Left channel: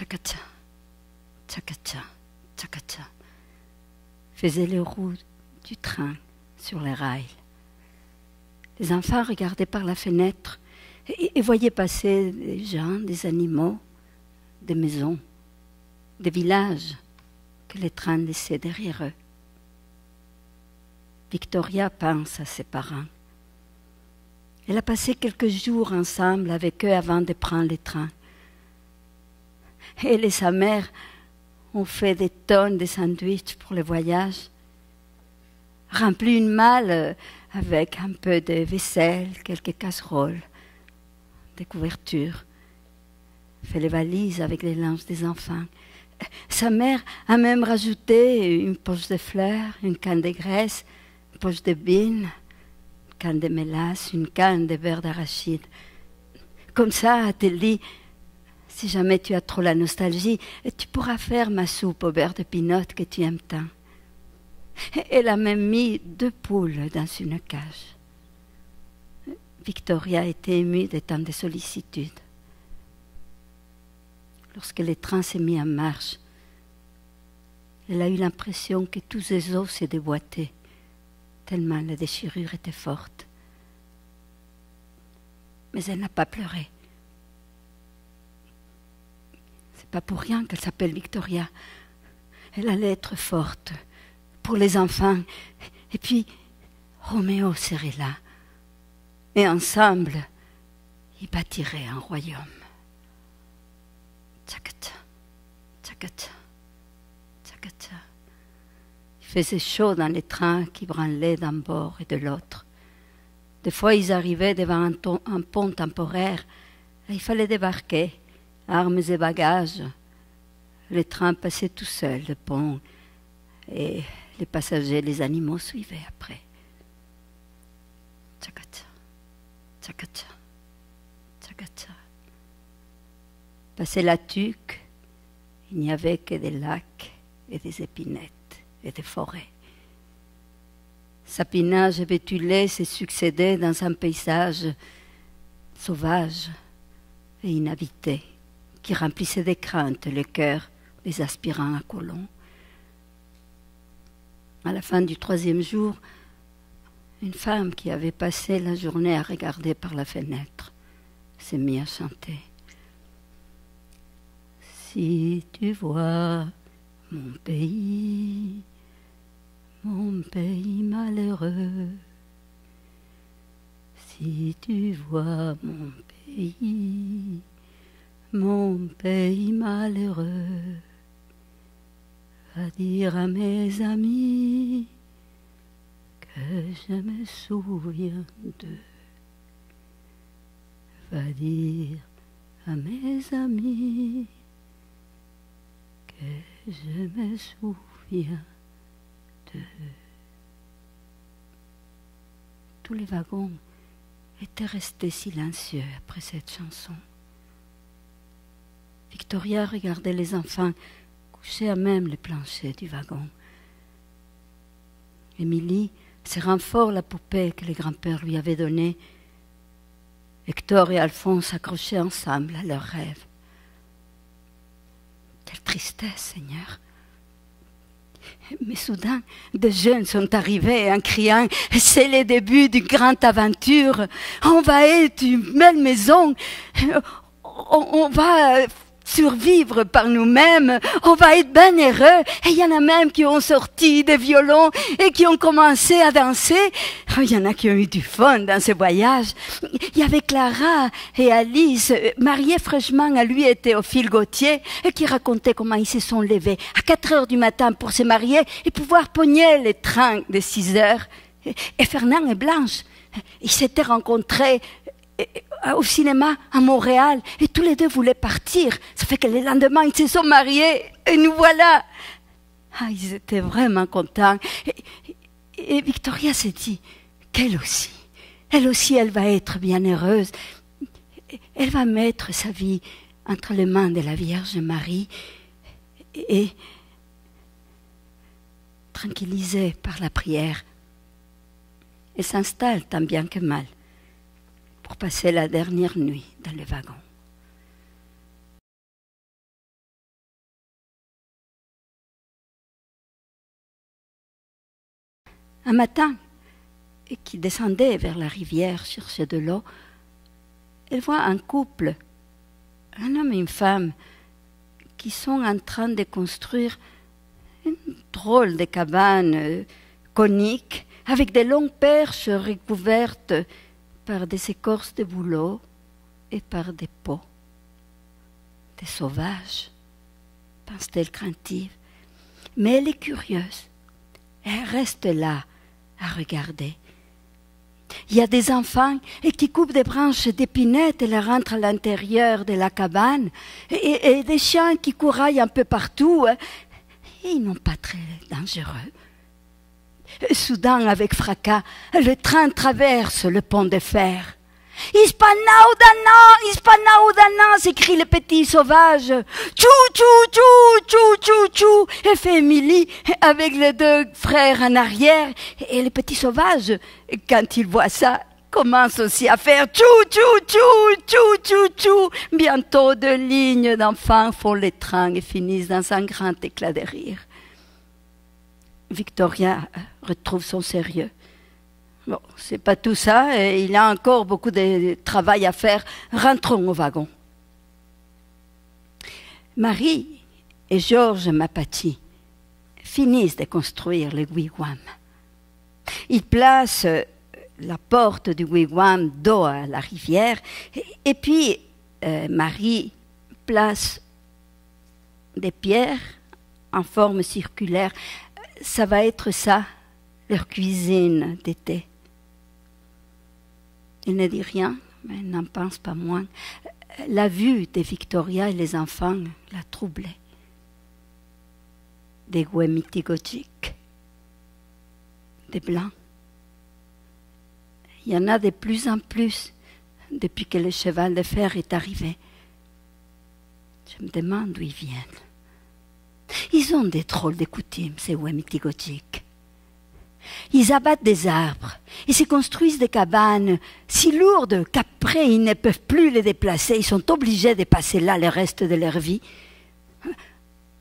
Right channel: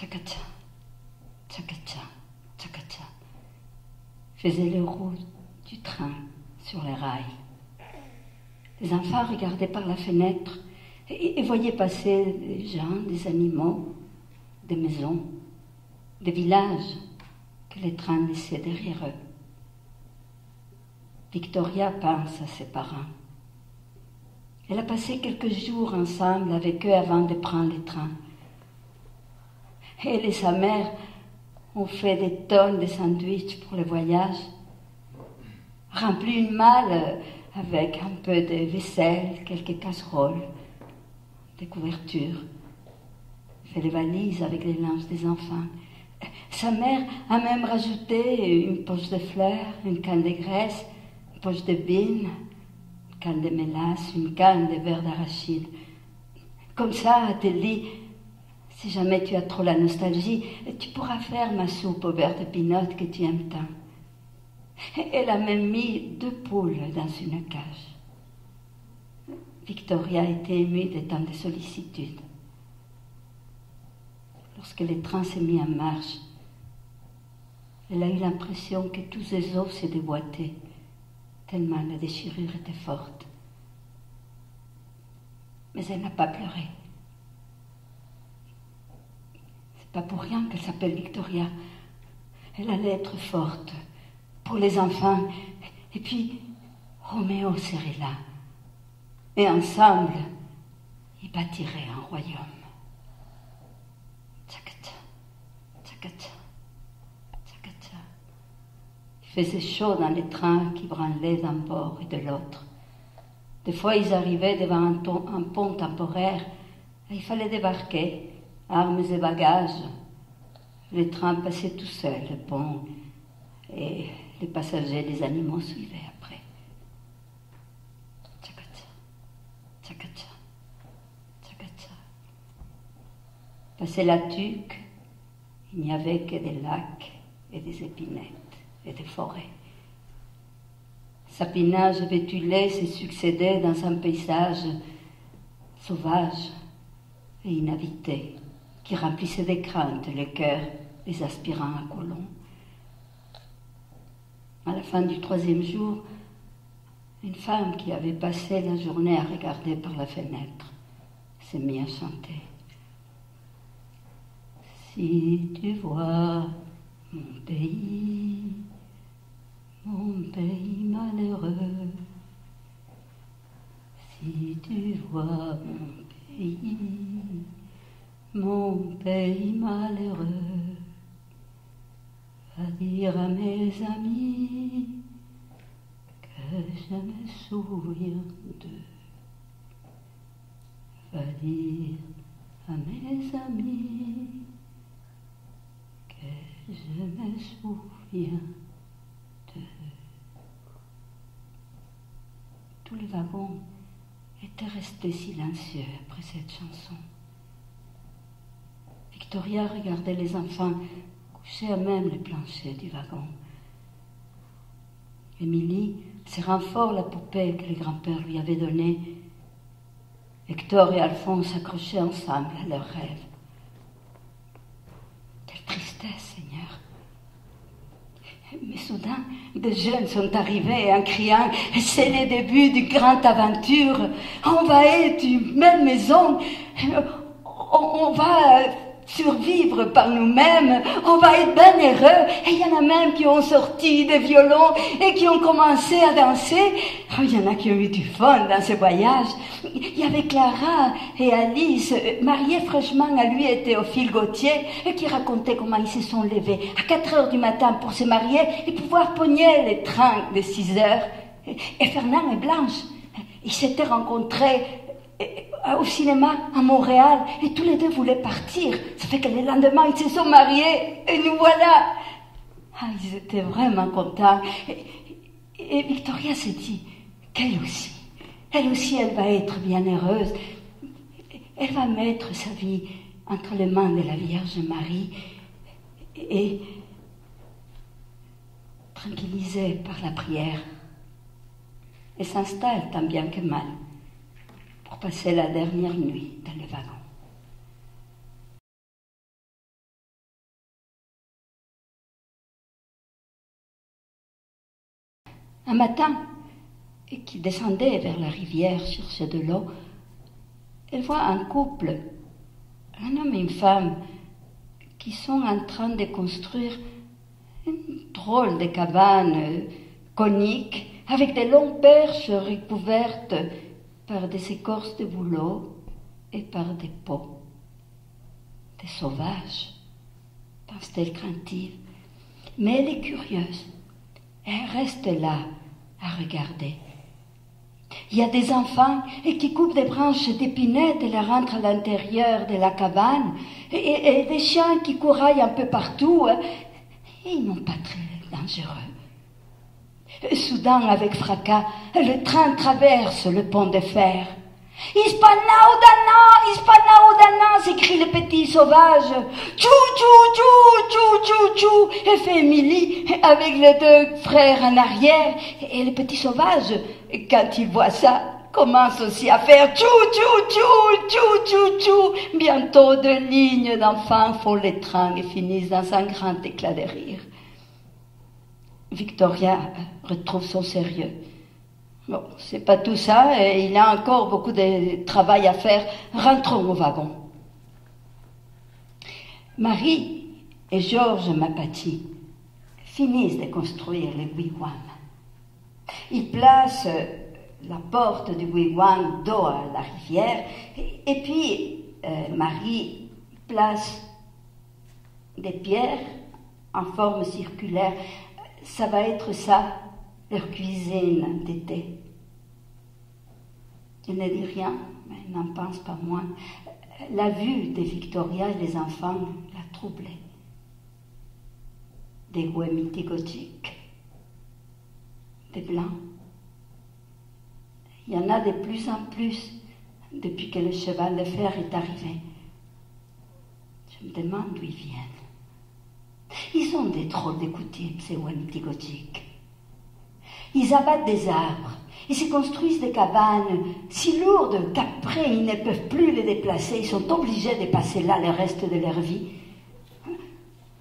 tchakatcha, tchakatcha, tchakatcha, faisait les roues du train sur les rails. Les enfants regardaient par la fenêtre et voyaient passer des gens, des animaux, des maisons, des villages que les trains laissaient derrière eux. Victoria pense à ses parents. Elle a passé quelques jours ensemble avec eux avant de prendre le train. Elle et sa mère ont fait des tonnes de sandwichs pour le voyage, rempli une malle avec un peu de vaisselle, quelques casseroles, des couvertures, fait les valises avec les linges des enfants. Sa mère a même rajouté une poche de fleurs, une canne de graisse, une poche de bines, une canne de mélasse, une canne de beurre d'arachide. Comme ça, elle te dit, si jamais tu as trop la nostalgie, tu pourras faire ma soupe au beurre de pinot que tu aimes tant. Elle a même mis 2 poules dans une cage. Victoria était émue de tant de sollicitude. Lorsque le train s'est mis en marche, elle a eu l'impression que tous ses os se déboîtaient, tellement la déchirure était forte. Mais elle n'a pas pleuré. C'est pas pour rien qu'elle s'appelle Victoria. Elle allait être forte pour les enfants. Et puis, Roméo serait là. Et ensemble, ils bâtiraient un royaume. Tchakatcha, tchakatcha, tchakatcha. Il faisait chaud dans les trains qui branlaient d'un bord et de l'autre. Des fois, ils arrivaient devant un pont temporaire et il fallait débarquer, armes et bagages. Le train passait tout seul, le pont, et les passagers, les animaux suivaient après. Tchakatcha, tchakatcha, tchakatcha. Passé la Tuque, il n'y avait que des lacs et des épinettes et des forêts. Sapinages bétulés se succédaient dans un paysage sauvage et inhabité qui remplissait de crainte le cœur des aspirants à colons. À la fin du 3e jour, une femme qui avait passé la journée à regarder par la fenêtre s'est mise à chanter. Si tu vois mon pays malheureux, si tu vois mon pays malheureux, va dire à mes amis que je me souviens d'eux. Va dire à mes amis que je me souviens d'eux. Tous les wagons étaient restés silencieux après cette chanson. Victoria regardait les enfants couchés à même le plancher du wagon. Émilie serrant fort la poupée que le grand-père lui avait donnée. Hector et Alphonse accrochés ensemble à leurs rêves. Quelle tristesse, Seigneur! Mais soudain, des jeunes sont arrivés en criant « C'est le début d'une grande aventure, on va être une belle maison, on va survivre par nous-mêmes, on va être bien heureux. » Et il y en a même qui ont sorti des violons et qui ont commencé à danser. Il y en a qui ont eu du fun dans ce voyage. Il y avait Clara et Alice, mariées fraîchement à lui et Théophile Gautier, et qui racontaient comment ils se sont levés à 4 heures du matin pour se marier et pouvoir pogner les trains de 6 heures. Et Fernand et Blanche, ils s'étaient rencontrés au cinéma à Montréal et tous les deux voulaient partir. Ça fait que le lendemain, ils se sont mariés et nous voilà. Ils étaient vraiment contents. Et Victoria s'est dit qu'elle aussi, elle va être bien heureuse. Elle va mettre sa vie entre les mains de la Vierge Marie et tranquillisée par la prière, elle s'installe tant bien que mal pour passer la dernière nuit dans le wagon. Un matin, qui descendait vers la rivière chercher de l'eau, elle voit un couple, un homme et une femme, qui sont en train de construire une drôle de cabane conique avec des longues perches recouvertes par des écorces de bouleau et par des pots. Des sauvages, pense-t-elle craintive. Mais elle est curieuse. Elle reste là à regarder. Il y a des enfants qui coupent des branches d'épinettes et les rentrent à l'intérieur de la cabane, et des chiens qui couraillent un peu partout. Ils n'ont pas très dangereux. Soudain, avec fracas, le train traverse le pont de fer. « Hispanaudana !» s'écrie le petit sauvage. « Tchou, tchou, tchou, tchou, tchou, tchou !» et fait Émilie avec les deux frères en arrière. Et le petit sauvage, quand il voit ça, commence aussi à faire « tchou, tchou, tchou, tchou, tchou, tchou !» Bientôt, deux lignes d'enfants font les trains et finissent dans un grand éclat de rire. Victoria retrouve son sérieux. Bon, c'est pas tout ça, et il y a encore beaucoup de travail à faire. Rentrons au wagon. Marie et Georges Mapati finissent de construire le wigwam. Ils placent la porte du wigwam dos à la rivière, et puis Marie place des pierres en forme circulaire. Ça va être ça, leur cuisine d'été. Elle ne dit rien, mais elle n'en pense pas moins. La vue de Victoria et les enfants la troublait. Des Wemitigojiks, des blancs. Il y en a de plus en plus depuis que le cheval de fer est arrivé. Je me demande d'où ils viennent. Ils ont des drôles de coutumes, ces Wemitigojiks. Ils abattent des arbres, ils se construisent des cabanes si lourdes qu'après ils ne peuvent plus les déplacer, ils sont obligés de passer là le reste de leur vie.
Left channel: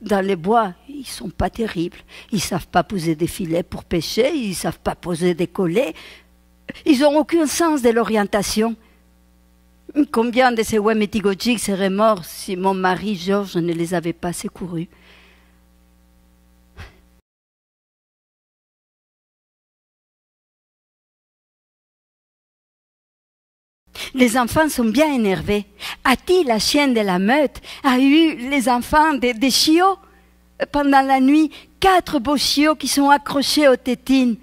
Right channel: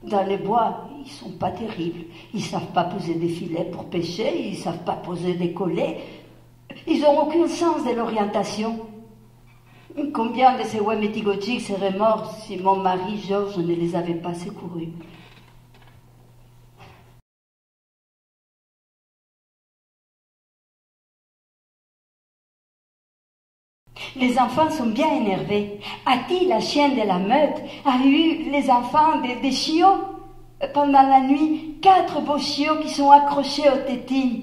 Dans les bois, ils ne sont pas terribles, ils ne savent pas poser des filets pour pêcher, ils ne savent pas poser des collets, ils n'ont aucun sens de l'orientation. Combien de ces Wemitigojiks seraient morts si mon mari Georges ne les avait pas secourus? Les enfants sont bien énervés. Ati, la chienne de la meute, a eu les enfants des chiots. Pendant la nuit, 4 beaux chiots qui sont accrochés aux tétines.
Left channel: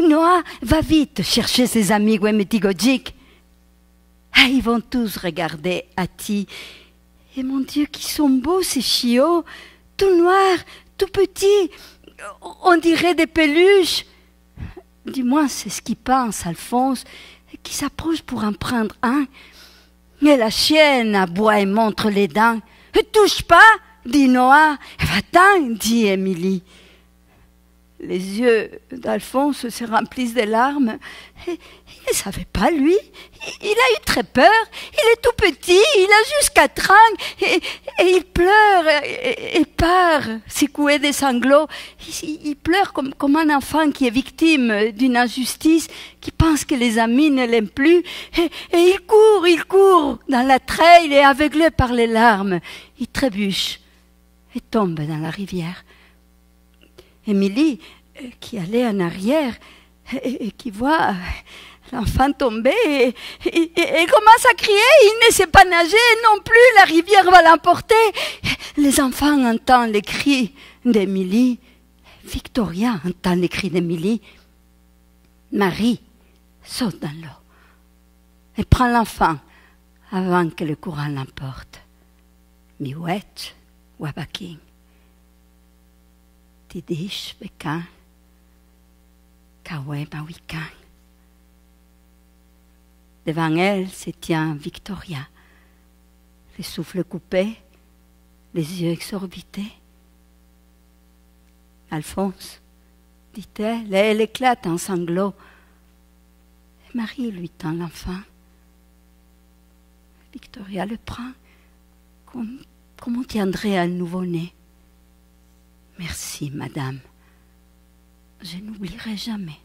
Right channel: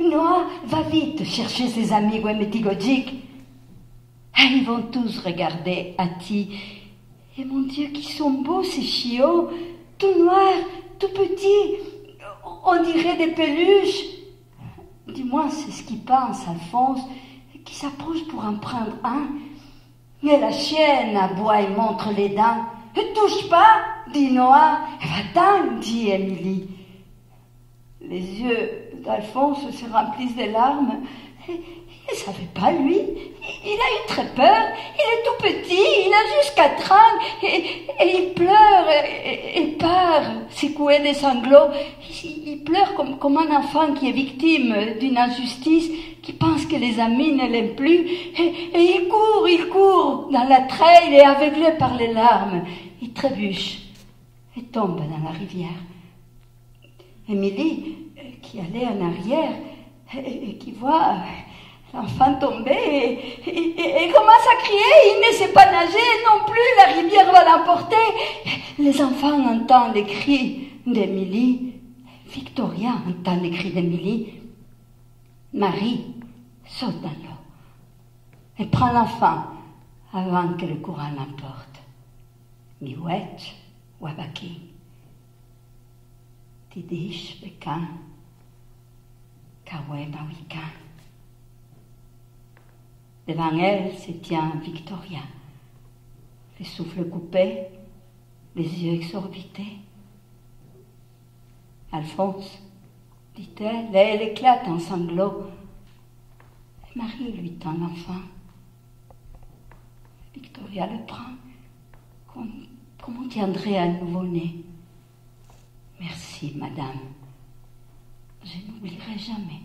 Noah, va vite chercher ses amis Wemitigojiks. Ah, ils vont tous regarder Ati. Et mon Dieu, qui sont beaux ces chiots, tout noirs, tout petits, on dirait des peluches. Du moins, c'est ce qu'il pense, Alphonse, qui s'approche pour en prendre un. Mais la chienne aboie et montre les dents. « Touche pas !» dit Noah. « Va-t'en !» dit Émilie. Les yeux d'Alphonse se remplissent de larmes. Il ne savait pas, lui. Il a eu très peur. Il est tout petit, il a juste 4 ans. Et il pleure et part, secoué des sanglots. Il pleure comme un enfant qui est victime d'une injustice, qui pense que les amis ne l'aiment plus. Et il court dans la treille et aveuglé par les larmes. Il trébuche et tombe dans la rivière. Émilie, qui allait en arrière et qui voit l'enfant tomber, et commence à crier. Il ne sait pas nager non plus, la rivière va l'emporter. Les enfants entendent les cris d'Émilie. Victoria entend les cris d'Émilie. Marie saute dans l'eau et prend l'enfant avant que le courant l'emporte. Miwet, Wabaking. Tidish Bekan, Kawe Mawikan. Devant elle se tient Victoria, le souffle coupé, les yeux exorbités. Alphonse, dit-elle, et elle éclate en sanglots. Marie lui tend l'enfant. Victoria le prend comme on tiendrait un nouveau-né. Merci, madame. Je n'oublierai jamais.